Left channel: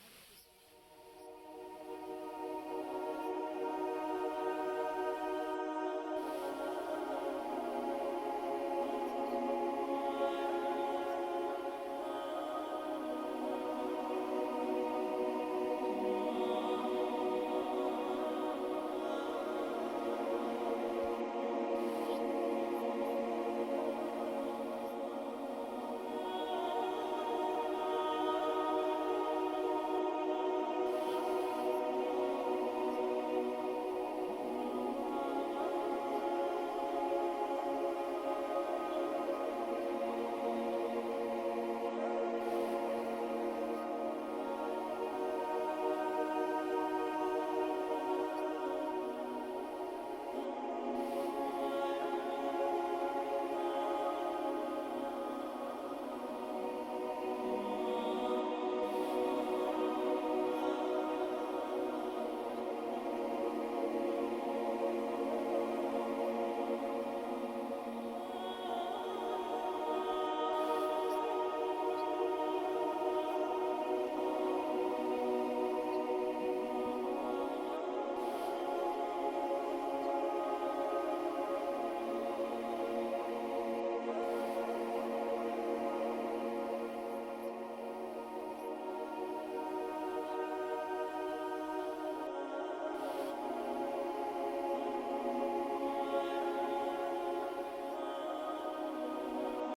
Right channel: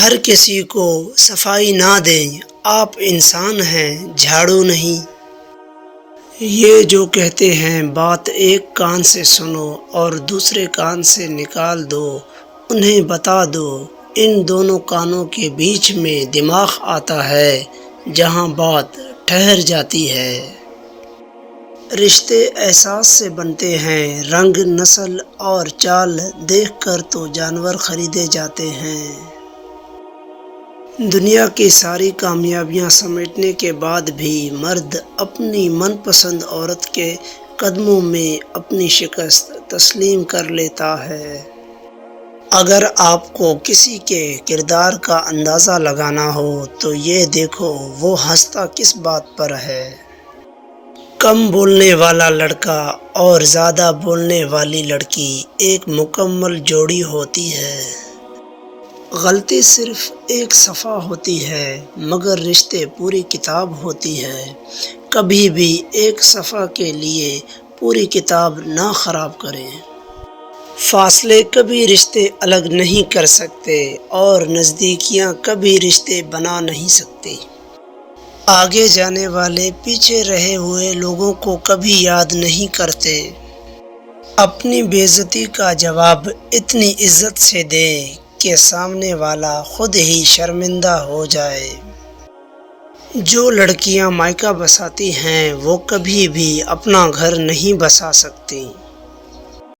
ہر کسی کو صفائی نہ دیں، آپ انسان ہیں، جھاڑو نہیں۔ یہ جو کہتے ہیں بات ایک کان سے سنو اور دوسرے کان سے نکال دو، انہیں بتا دو ان دونوں کانوں کے بیچ میں دماغ آتا ہے جہاں بات ٹھہر جاتی ہے۔ رشتے احساس سے بنتے ہیں، رنگ، نسل اور چال دیکھ کر تو جانور خریدے جاتے ہیں۔ دنیا کی ساری کامیابیاں سمیٹنے کے بعد بھی مرد اپنی من پسند عورت کے قدموں میں اپنی شکست تسلیم کر لیتا ہے۔ اگر آپ کو کسی کے کردار کا اندازہ لگانا ہو تو یہ دیکھو وہ ہنستا کس بات پر ہے۔ کم بولنے والا لڑکا اور زیادہ بولنے والی لڑکی ایک مکمل جوڑی ہوتی ہے۔ غلطی صرف ایک صفحہ ہوتی ہے مگر رشتے پوری کتاب ہوتی ہے۔ کبھی بھی ایک صفحہ کے لیے پوری کتاب نہ خراب کریں۔ فاصلے کبھی رشتے الگ نہیں کر سکتے اور نزدیکیاں کبھی رشتے بنا نہیں سکتی۔ آگے جانے والے پیچھے رہے ہوئے لوگوں کو کبھی یاد نہیں کرتے۔ اپنی بے عزتی کا جواب اتنی عزت سے دیں کہ سامنے والا خود ہی شرمندہ ہو جائے۔ جو لڑکیاں مائکا بساتی ہیں وہ کبھی بھی اپنا گھر نہیں بسا سکتی۔